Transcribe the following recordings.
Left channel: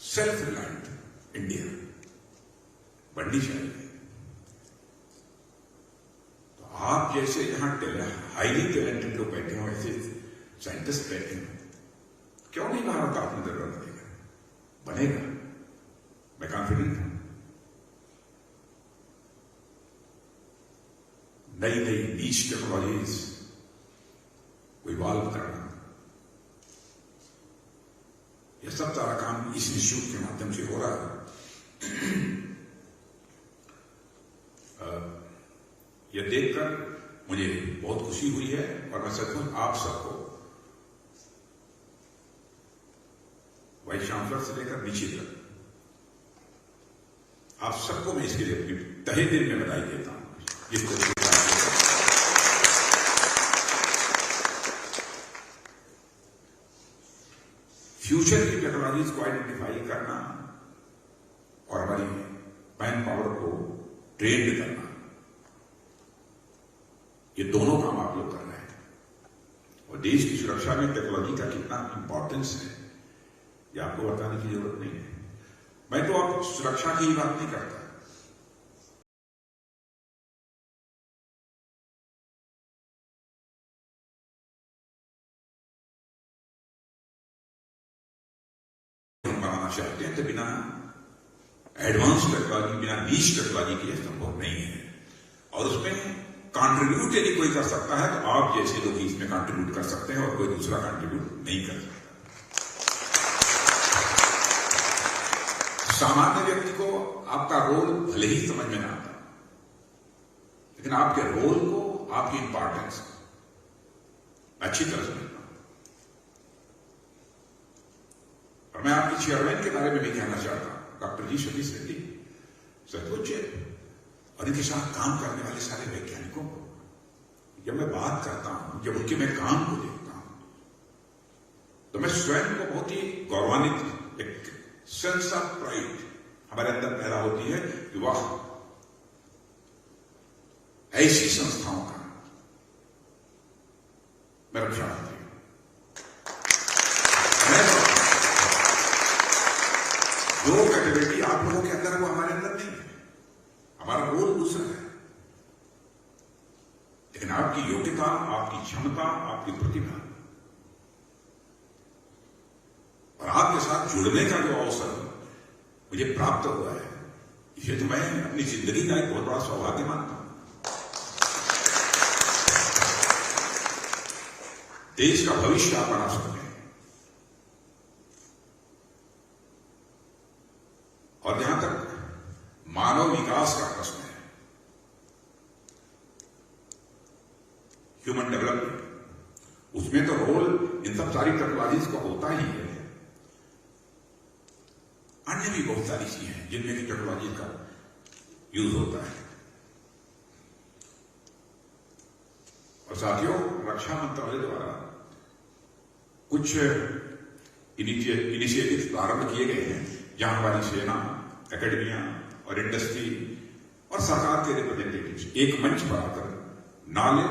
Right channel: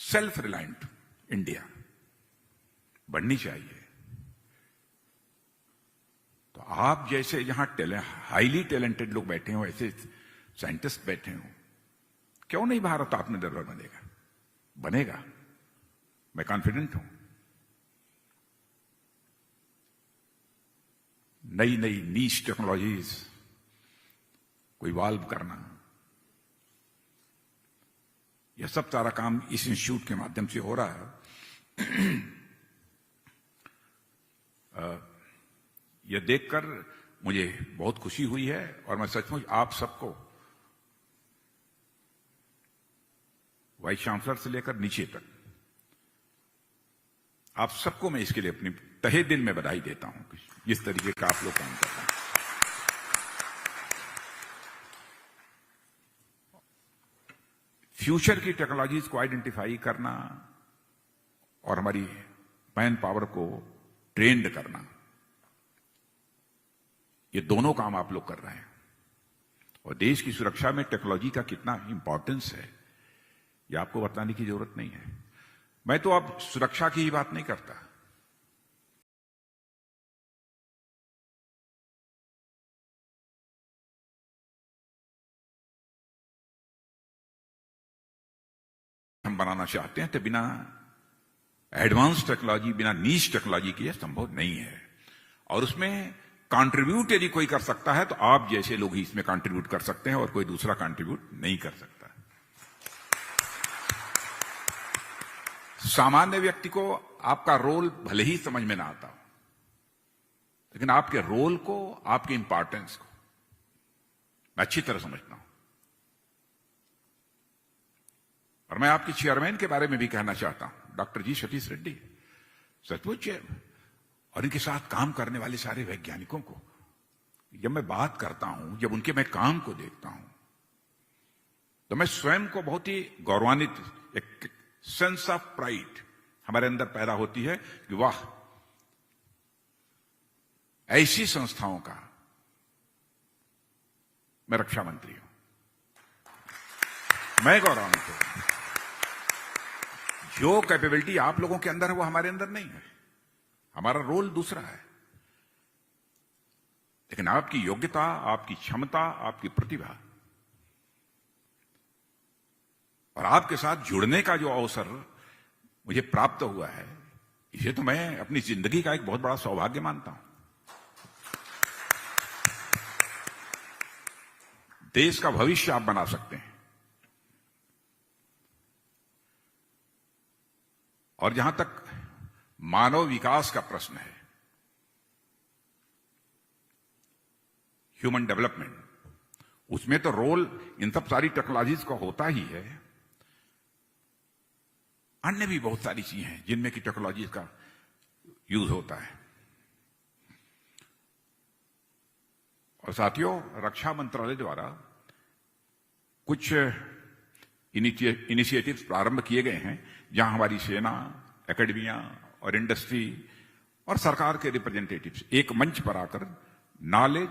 Self reliant India बढ़नी चाहिए। तो आप जैसे जहां हाईली टैलेंटेड लोग बैठे हो, ऐसे साइंटिस्ट बैठे हो, क्यों नहीं भारत आत्मनिर्भर बनेगा? बनेगा, मैं कॉन्फिडेंट हूं। नई नई नीश टेक्नोलॉजीज को इवॉल्व करना, यह सब सारा काम इस इंस्टीट्यूट के माध्यम से हो रहा है। यह देखकर मुझे बहुत खुशी हुई है और मैं सचमुच आप सबको, वाइस चांसलर से लेकर नीचे तक, आप सबको मैं इसके लिए अपनी तहे दिल में बधाई देता हूं। जिस तरीके का फ्यूचर की टेक्नोलॉजीज को आइडेंटिफाई करना और हमारी मैन पावर को ट्रेंड करना, ये दोनों काम आप लोग कर रहे हैं। और देश की सुरक्षा में टेक्नोलॉजी का कितना इंपॉर्टेंस है, ये आपको बताने की जरूरत नहीं है। मैं तो अब सुरक्षा की ही बात नहीं करता, हम बनाना चाहते हैं तो बिना एडवांस टेक्नोलॉजी, बिना नीश टेक्नोलॉजी के संभव नहीं है। और उसमें कंट्रीब्यूट यदि कोई कर सकता है तो आप जैसे लोग इसमें कंट्रीब्यूट कर सकते हैं और कोई दूसरा कंट्रीब्यूट नहीं कर सकता। सामान्य व्यक्ति को आपका रोल भले ही समझ में ना आता, लेकिन आपके रोल को, आपकी इंपॉर्टेंस अच्छी तरह समझना। और मैं आपके चेयरमैन के बारे में भी कहना चाहता हूं, डॉक्टर जी सतीश रेड्डी। सचमुच और इनके साथ काम करने वाले सारे वैज्ञानिकों को जब मैं बात करता हूं, जब उनके मैं काम को देखता हूं, तो मैं स्वयं को बहुत ही गौरवान्वित, एक सेंस ऑफ प्राइड हमारे अंदर पैदा होती है कि वाह, ऐसी संस्थाओं का मैं रक्षा मंत्री हूं। मैं जो कैपेबिलिटी आप लोगों के अंदर है वो हमारे अंदर नहीं है। हमारा रोल दूसरा है, लेकिन आपकी योग्यता, आपकी क्षमता, आपकी प्रतिभा और आपके साथ जुड़ने का जो अवसर मुझे प्राप्त हुआ है, इसे तो मैं अपनी जिंदगी का एक बहुत बड़ा सौभाग्य मानता हूं। देश का भविष्य आप बना सकते हैं। और जहां तक मानव विकास का प्रश्न है, ह्यूमन डेवलपमेंट, उसमें तो रोल इन सब सारी टेक्नोलॉजीज का होता ही है। अन्य भी बहुत सारी चीजें हैं जिनमें की टेक्नोलॉजी का यूज होता है। और साथियों, रक्षा मंत्रालय द्वारा कुछ इनिशिएटिव्स प्रारंभ किए गए हैं, जहां हमारी सेना, एकेडमिया और इंडस्ट्री और सरकार के रिप्रेजेंटेटिव्स एक मंच पर आकर नॉलेज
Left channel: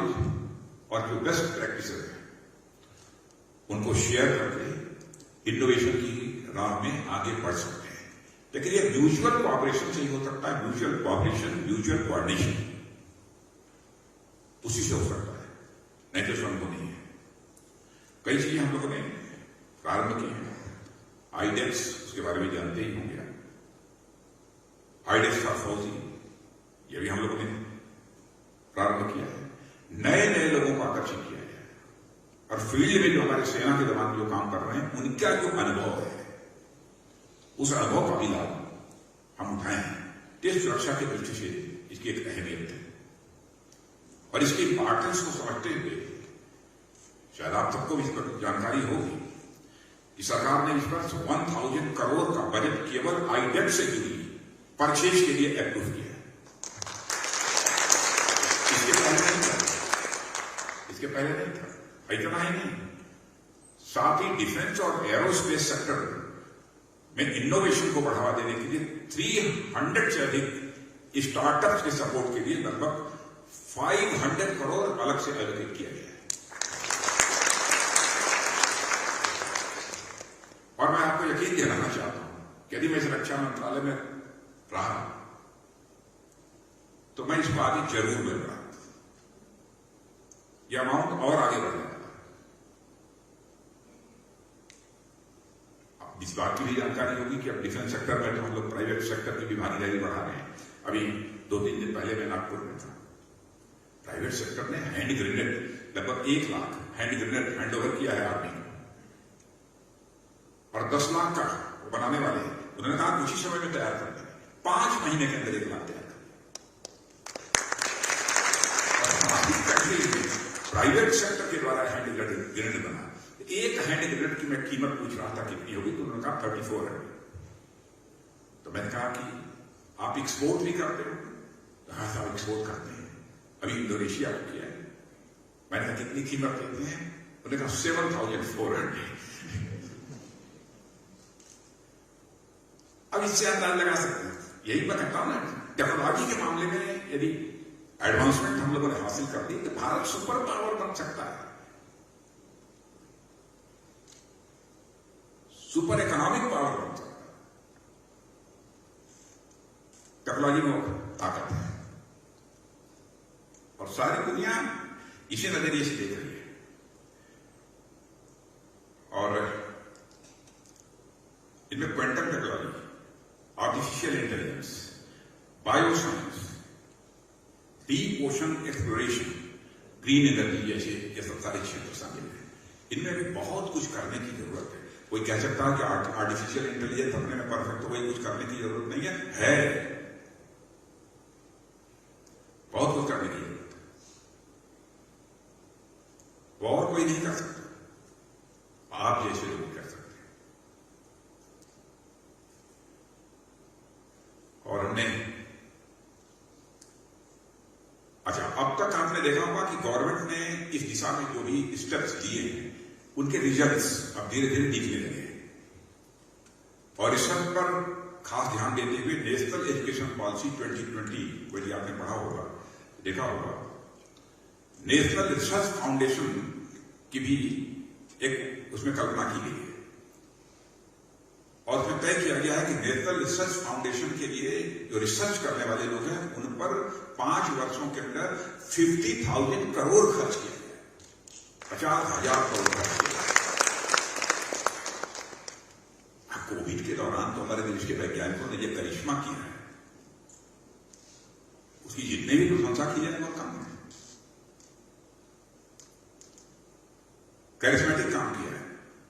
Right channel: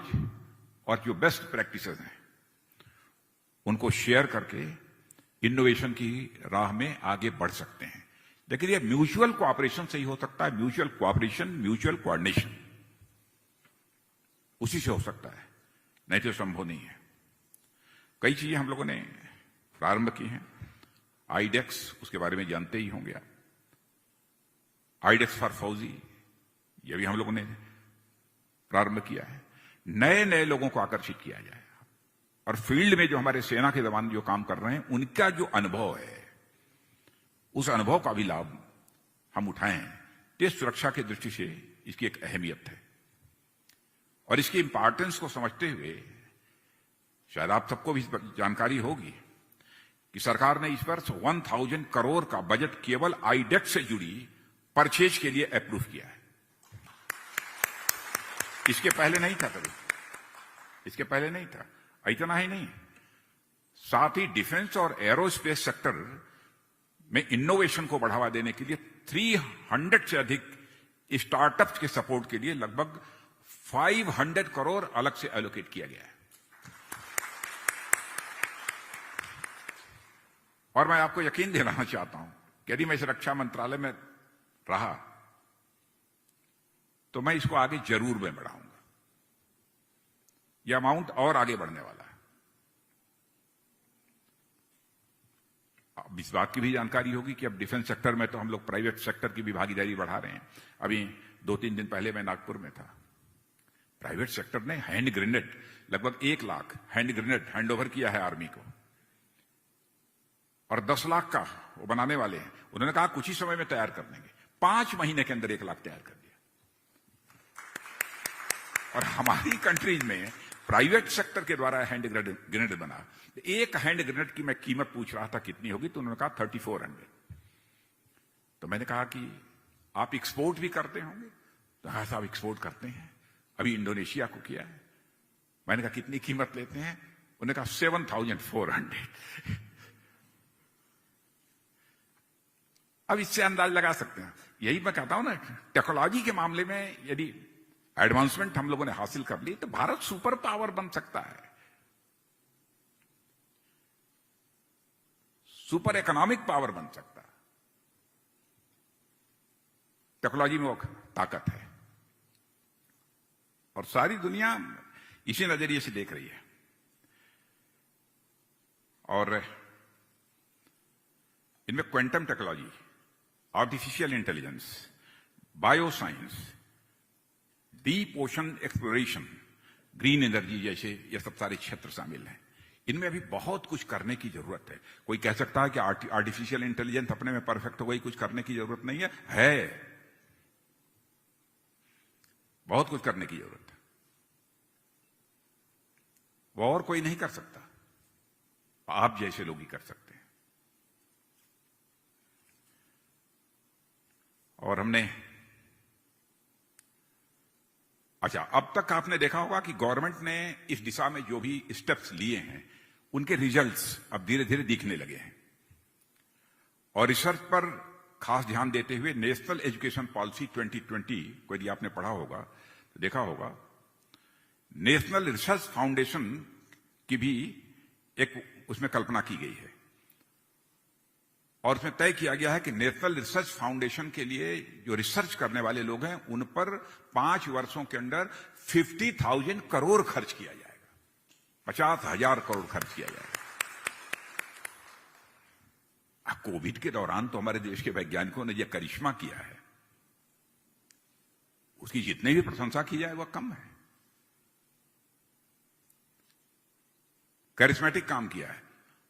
और जो बेस्ट प्रैक्टिसेस है उनको शेयर करके इनोवेशन की राह में आगे बढ़ सकते हैं। लेकिन ये म्यूचुअल कोऑपरेशन से ही हो सकता है। म्यूचुअल कोऑपरेशन, म्यूचुअल कोऑर्डिनेशन, उसी से हो सकता है, नहीं तो संभव नहीं है। कई चीजें हम लोगों ने प्रारंभ की हैं। आईडेक्स, उसके बारे में जानते ही होंगे। आईडेक्स फॉर फौजी, ये भी हम लोगों ने प्रारंभ किया है। नए नए लोगों को आकर्षित किया जाए और फील्ड में जो हमारे सेना के जवान जो काम कर रहे हैं, उनका जो अनुभव है, उस अनुभव का भी लाभ हम उठाएं। देश सुरक्षा की दृष्टि से इसकी एक अहमियत है और इसकी इंपॉर्टेंस को समझते हुए शायद आप सबको भी इस पर जानकारी होगी कि सरकार ने इस वर्ष 1000 करोड़ का बजट केवल आईडेक्स से जुड़ी परचेज के लिए अप्रूव किया है। इसके पहले नहीं था, इसके पहले नहीं था। इतना ही नहीं, साथ ही डिफेंस और एरोस्पेस सेक्टर में इनोवेशन को बढ़ावा देने के लिए 300 से अधिक स्टार्टअप के सपोर्ट के लिए लगभग 500 करोड़ अलग से एलोकेट किया गया है। और मैं आपको यकीन दिलाना चाहता हूं यदि मैं इस रक्षा मंत्रालय में रहा तो मैं इसको आगे जरूर मिलूंगा। यह अमाउंट और आगे बढ़ने वाला। अब इस बात की भी जानकारी होगी कि अब डिफेंस सेक्टर में तो हम लोग प्राइवेट सेक्टर की भी भागीदारी बढ़ा रहे हैं। अभी 2-3 दिन पहले मैं नागपुर में था। प्राइवेट सेक्टर ने हैंड ग्रेनेड लगभग 1 lakh hand grenade hand over किया है आर्मी को, और 10 लाख का बनाने वाले हैं। उन्होंने कहा कुछ ही समय में तैयार कर देंगे, 5 महीने के अंदर 1 लाख तैयार कर दिया। और हमारी कंट्री में प्राइवेट सेक्टर के द्वारा हैंड ग्रेनेड बना। एक हैंड ग्रेनेड की मैं कीमत पूछ रहा था कितनी होगी, तो उन्होंने कहा 3400। तो मैंने कहा कि आप एक्सपोर्ट भी करते हो? तो हाँ साहब एक्सपोर्ट करते हैं, अभी इंडोनेशिया को किया है। मैंने कहा कितनी कीमत देते हैं? उन्होंने कहा 7400। अब इससे अंदाज लगा सकते हैं। यही मैं कहता हूं ना, टेक्नोलॉजी के मामले में यदि एडवांसमेंट हम लोगों ने हासिल कर ली तो भारत सुपर पावर बन सकता है, सुपर इकोनॉमिक पावर बन सकता है। टेक्नोलॉजी में ताकत है और सारी दुनिया इसी नजरिए से देख रही है। और इनमें quantum technology, artificial intelligence, bioscience, deep ocean exploration, green energy जैसे ये सब सारे क्षेत्र शामिल हैं। इनमें भी बहुत कुछ करने की जरूरत है। कोई कह सकता है कि आर्टिफिशियल इंटेलिजेंस अपने में परफेक्ट हो गई, कुछ करने की जरूरत नहीं है। बहुत कुछ करने की जरूरत है, वो और कोई नहीं कर सकता, आप जैसे लोग नहीं कर सकते। और हमने अच्छा, अब तक आपने देखा होगा कि गवर्नमेंट ने इस दिशा में जो भी स्टेप्स लिए हैं उनके रिजल्ट्स अब धीरे धीरे दिखने लगे हैं। और रिसर्च पर खास ध्यान देते हुए नेशनल एजुकेशन पॉलिसी 2020 को यदि आपने पढ़ा होगा, देखा होगा, नेशनल रिसर्च फाउंडेशन की भी एक उसमें कल्पना की गई है। और फिर तय किया गया है कि नेशनल रिसर्च फाउंडेशन के लिए जो रिसर्च करने वाले लोग हैं उन पर 5 वर्षों के अंदर 50,000 करोड़ खर्च किया गया, 50,000 करोड़ खर्च किया। कोविड के दौरान तो हमारे देश के वैज्ञानिकों ने यह करिश्मा किया है, उसकी जितने भी प्रशंसा की जाए वह कम है। करिश्मेटिक काम किया है।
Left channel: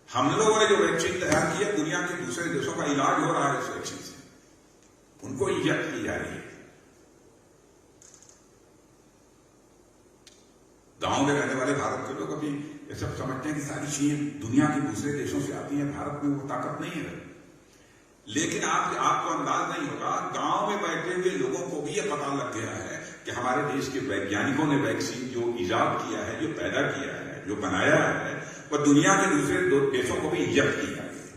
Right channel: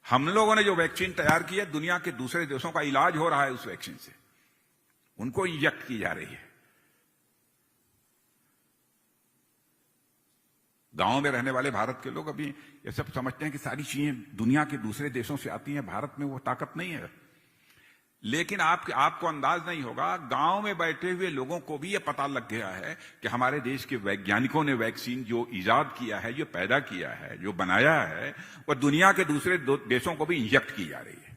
हम लोगों ने जो वैक्सीन तैयार की है, दुनिया के दूसरे देशों का इलाज हो रहा है उस वैक्सीन से, उनको इंजेक्ट की जा रही है। गांव में रहने वाले भारत के लोग अभी ये सब समझते हैं कि सारी चीजें दुनिया के दूसरे देशों से आती हैं, भारत में वो ताकत नहीं है। लेकिन आपको अंदाज नहीं होगा, गांव में बैठे हुए लोगों को भी ये पता लग गया है कि हमारे देश के वैज्ञानिकों ने वैक्सीन जो इजाद किया है, जो पैदा किया है, जो बनाया है, और दुनिया के दूसरे देशों को भी इंजेक्ट की जा रही है।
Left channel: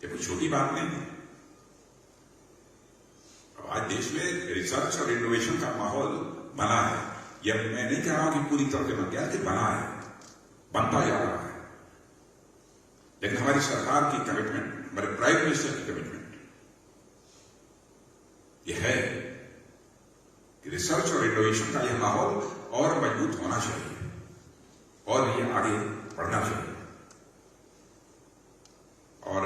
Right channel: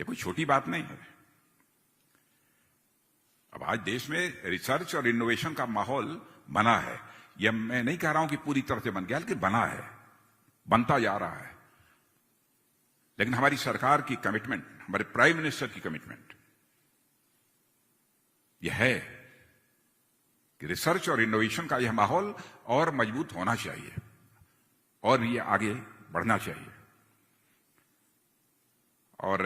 ये कोई छोटी बात नहीं है। अब आज देश में रिसर्च और इनोवेशन का माहौल बना है। यह मैं नहीं कह रहा हूं कि पूरी तरह से बन गया, कि बना है, बनता जा रहा है। लेकिन हमारी सरकार की कमिटमेंट, हमारे प्राइम मिनिस्टर की कमिटमेंट यह है कि रिसर्च और इनोवेशन का यह माहौल और मजबूत होना चाहिए और ये आगे बढ़ना चाहिए। और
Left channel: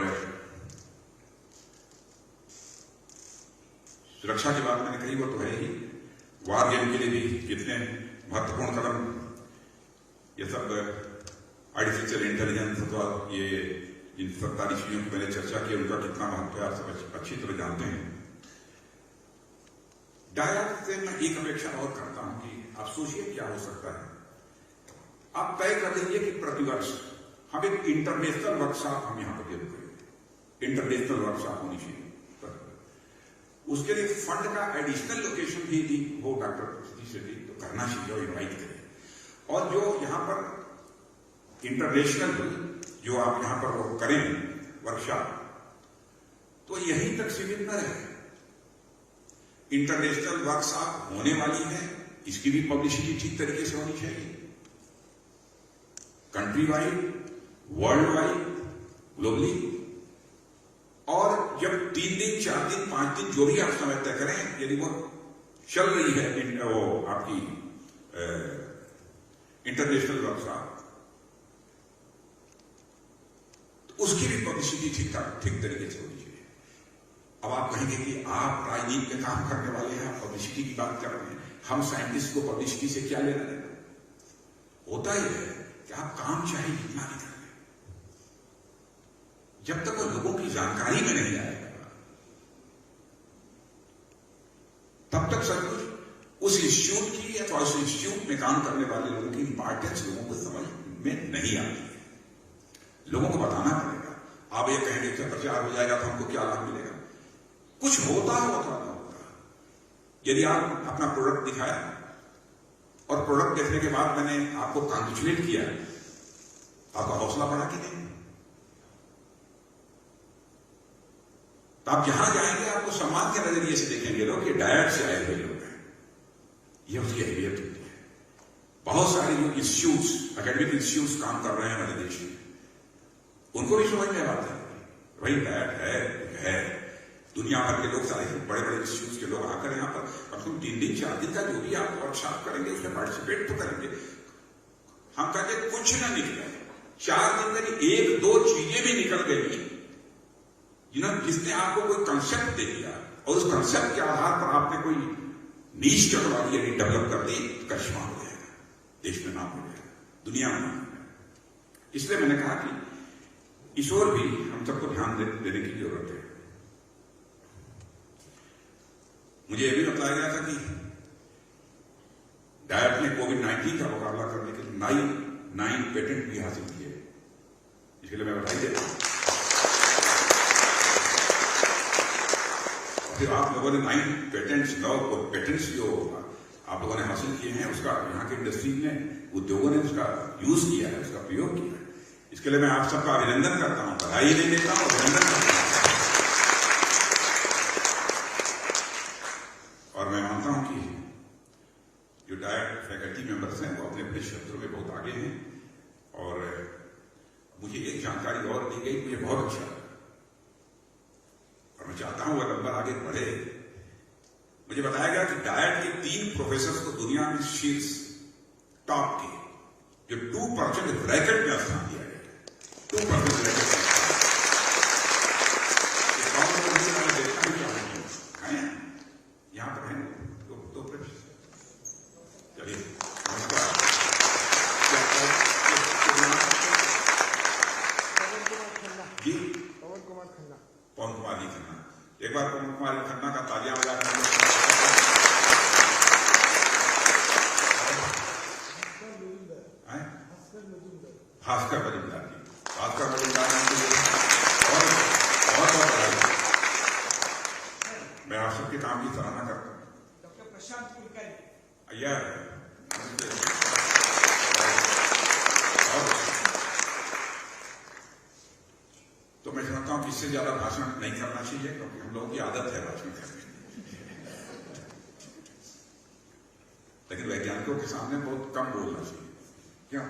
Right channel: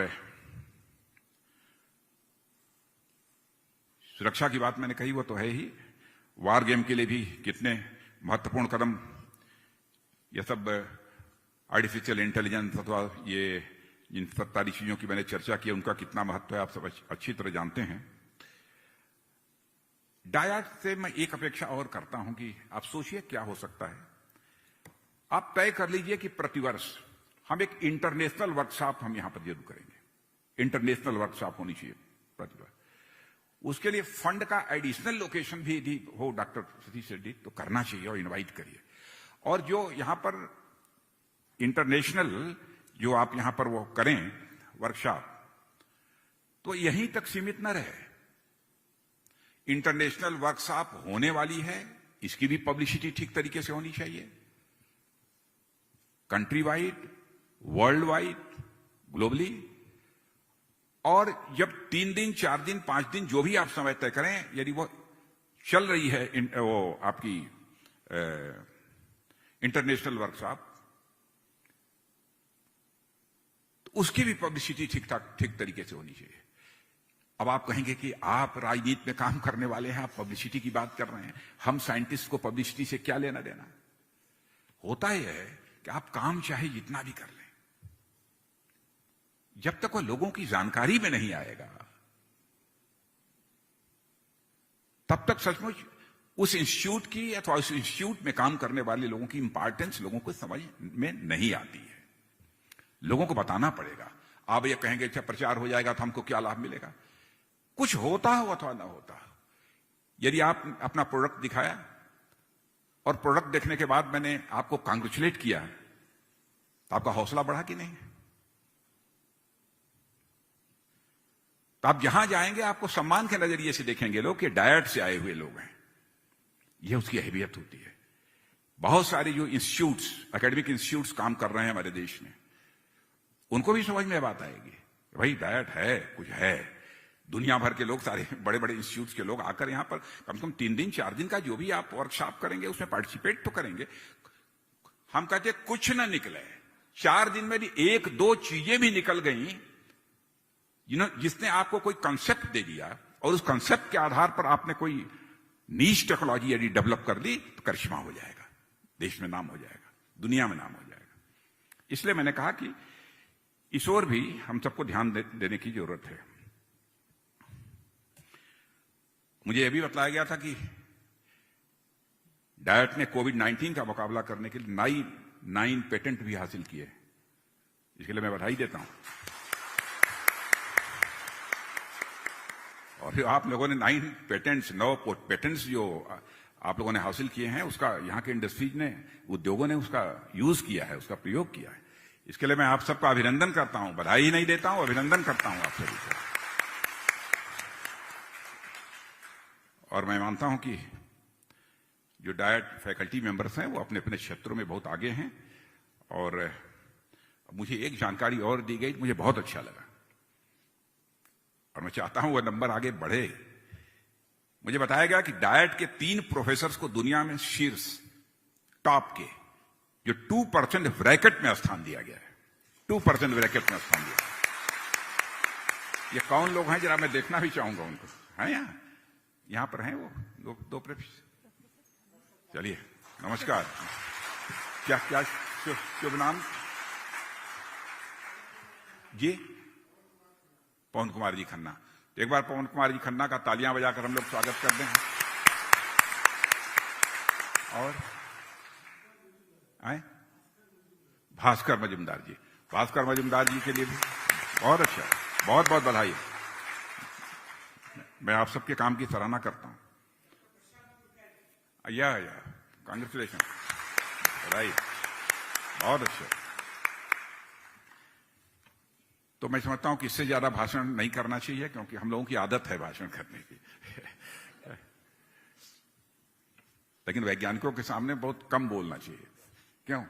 सुरक्षा की बात मैंने कही, वो तो है ही। वार गेम के लिए भी कितने महत्वपूर्ण कदम, ये सब आर्टिफिशियल इंटेलिजेंस अथवा ये जिन सरकारी चीजों की मैंने चर्चा की उनका कितना महत्व है आप सब अच्छी तरह जानते हैं। डायरेक्ट से मैं एक अपेक्षा और करता हूं कि आप सोचिए क्या हो सकता है। आप तय कर लीजिए कि प्रतिवर्ष हम एक इंटरनेशनल वर्कशॉप हम यहां पर जरूर करेंगे। इंटरनेशनल वर्कशॉप होनी चाहिए। उसके लिए फंड का एडिशनल लोकेशन भी हो डॉक्टर शेट्टी तो करना चाहिए और इन्वाइट करें। और जो यहां पर इंटरनेशनल जो आप यहां पर वो करें वर्कशॉप, तो यहीं तक सीमित न रहे। इंटरनेशनल वर्कशॉप होने वाली है, इसकी भी पब्लिसिटी ठीक तरीके से होनी चाहिए। Country wide, world wide, globally. और जब 3 दिन, 4 दिन, 5 दिन जो भी आप समय तय करें, यदि वो चल रही है वो आपकी इंटरनेशनल वर्कशॉप, उसकी भी पब्लिसिटी ठीक तरीके से होनी चाहिए। अब आप कहेंगे कि आप राजनीति में काम करने वाले हैं, आप पब्लिसिटी की बात कर रहे हैं, हम साइंटिस्ट को पब्लिसिटी से क्या लेना देना? होता ही है कि आप काम चाहे जितना भी कर रहे हैं, जब तक वो लोगों की जानकारी में नहीं आएगा, तब तक सब कुछ उस इंस्टीट्यूट की अथवा उस इंस्टीट्यूट में काम करने वाले लोगों की इंपॉर्टेंस लोगों को समझ में नहीं आती है। लोगों को बताना पड़ेगा। आप ये कहेंगे जब प्रचार हो जाएगा तो हमको क्या लाभ मिलेगा? कुछ होता हो अथवा ना होता। यदि आप अपना प्रोडक्ट दिखाया और प्रोडक्ट देखने के बाद मैंने आपको कांग्रेचुलेट किया है, तो आपका हौसला बढ़ा कि नहीं? तो आप जहां जाएंगे आपको सम्मान के नजरिए से देखेंगे लोग कि डायट से आए हुए लोग हैं। ये उसकी अहमियत होती है। बहुत सारे जो इंस्टीट्यूट्स, एकेडमिक इंस्टीट्यूट्स काम कर रहे हैं हमारे देश में, उनको भी समझ में बात है भाई डायट है। दुनिया भर के लोग, सारे बड़े बड़े इंस्टीट्यूट के लोग आकर यहाँ पर कम से कम 3 दिन 4 दिन का जो भी आप वर्कशॉप करेंगे उसमें पार्टिसिपेट तो करेंगे। हम कहते कुछ ना निकले, 4 दिन में 1-2 चीजें भी निकल गई, जिसने आपको कोई कंसेप्ट दे दिया और उस कंसेप्ट के आधार पर आपने कोई नीश टेक्नोलॉजी यदि डेवलप कर दी, करिश्मा हो जाएगा, देश में नाम हो जाएगा, दुनिया में नाम हो जाएगा। इसलिए मैंने कहा कि इस ओर भी हम सबको ध्यान देने की जरूरत है। मुझे यह भी बताया गया था कि डायट ने कोविड-19 का मुकाबला करने के लिए 9 पेटेंट भी हासिल किए, इसके लिए मैं बधाई देता हूं। और फिर आप लोगों ने 9 पेटेंट्स जो आप लोगों ने हासिल किए हैं, उसका यहाँ की इंडस्ट्री ने, उद्योगों ने उसका यूज किया है, उसका प्रयोग किया है। इसके लिए मैं आप सबका अभिनंदन करता हूं, बधाई नहीं देता हूं, अभिनंदन करता हूं। और मैं मानता हूं कि जो डायट फैकल्टी मेंबर्स हैं वो अपने अपने क्षेत्रों में बहुत आगे हैं। और मुझे एक जानकारी और दी गई, मुझे बहुत अच्छा लगा और मैं चाहता हूं वह नंबर आगे बढ़े। मुझे बताया गया कि डायट के 3 प्रोफेसर को दुनिया में शीर्ष टॉप के जो 2% ब्रैकेट में स्थान दिया गया है, 2% ब्रैकेट में। ये कौन लोग हैं जरा मैं देखना भी चाहूंगा, है यहां पर हैं वो 2 प्रोफेसर। चलिए नमस्कार। जी पवन कुमार जी खन्ना। एक बार पवन कुमार जी खन्ना का तालियां बजाकर हम लोग स्वागत करते हैं। भास्कर मजूमदार जी, भास्कर मजूमदार जी और बहुत बधाई। मैं आप सबके काम की सराहना करता हूं। डॉक्टर प्रशांत कुलकर्णी, कांग्रेचुलेशन। और तो मैं समझता हूं कि इससे ज्यादा भाषण नहीं करना चाहिए, क्योंकि हम लोगों की आदत है भाषण करने की। लेकिन वैज्ञानिकों के सामने बहुत कम बोलना चाहिए। क्यों?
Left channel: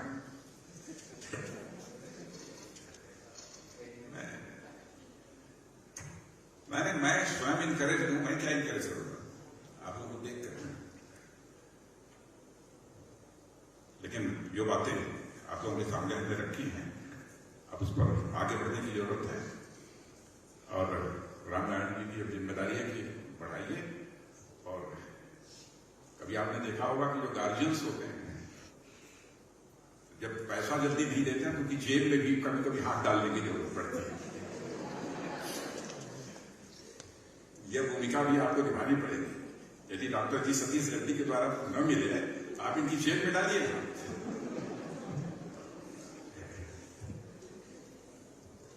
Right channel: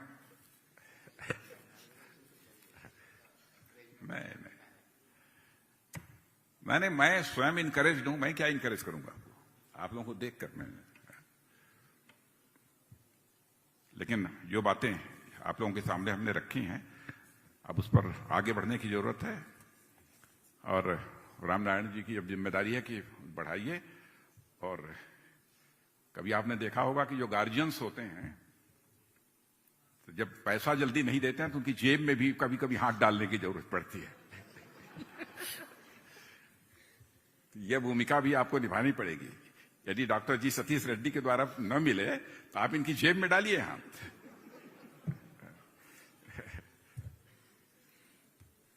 मैं स्वयं इनकरेज लूं, मैं क्या इनकरेज करूंगा आप लोगों को देख कर। लेकिन जो बातें आप लोगों के सामने हमने रखी हैं, अब उस पर आगे बढ़ने की जरूरत है। और रामनारायण जी की अब जिम्मेदारी है कि बढ़ाइए। और कभी आपने देखा होगा कि जो गार्जियंस होते हैं, जब पैसा जल्दी नहीं देते हैं तो उनकी जेब में भी कभी कभी हाथ डालने की जरूरत पड़ती है। यह भूमिका भी आपको निभानी पड़ेगी। यदि डॉक्टर जी सतीश रेड्डी के द्वारा न मिले तो आप इनकी जेब में डालिए हाथ।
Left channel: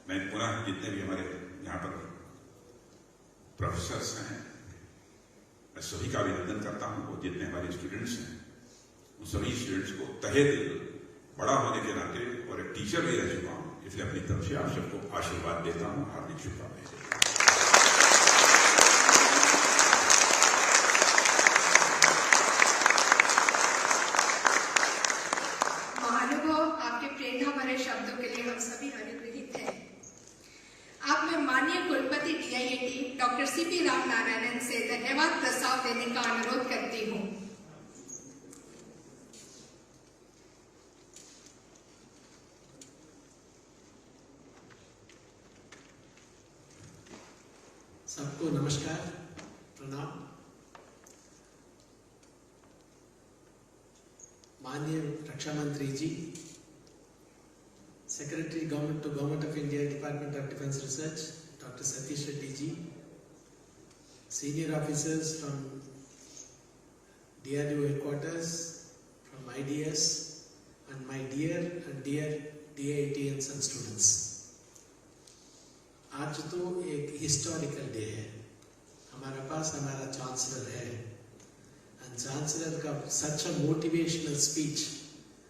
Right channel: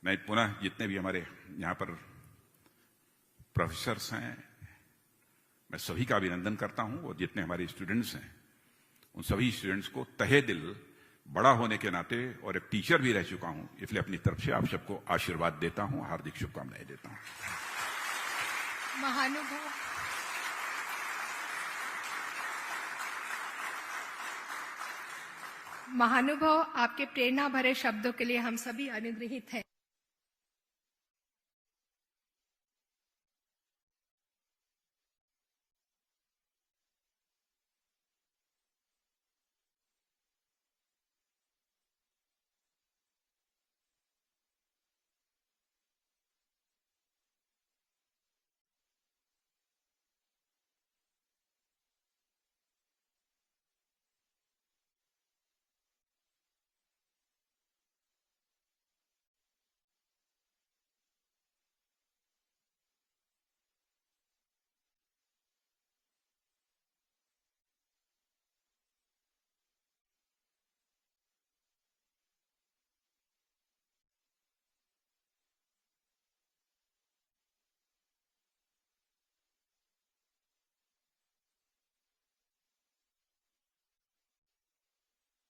मैं पुनः जितने भी हमारे यहाँ पर प्रोफेसर्स हैं, मैं सभी का अभिनंदन करता हूँ। और जितने हमारे स्टूडेंट्स हैं, उन सभी स्टूडेंट्स को तहे दिल बड़ा होने के नाते और एक टीचर भी रह चुका हूँ, इसलिए अपनी तरफ से आप सबको आशीर्वाद देता हूँ, हार्दिक शुभकामनाएं देता हूँ। महानुभव, आपके प्रेरणा भरे शब्दों के लिए हम सभी अनुग्रहित हैं। अब मैं माननीय कुलपति DIIT डॉक्टर CP रामनारायणन से धन्यवाद प्रस्ताव देने का अनुरोध करती हूँ। सबको नमस्कार, प्रणाम। माननीय रक्षा मंत्री ji, secretary government to government of India, department of defence research, doctor Satish Reddy ji, senior officers from DRDO headquarters, from IDS, and my dear DIITians and students. आज तो एक हिस्टोरिकल डे है। हमारे पास हमारा चांसलर है, एंड चांसलर का सच अ मोटिवेशनल स्पीच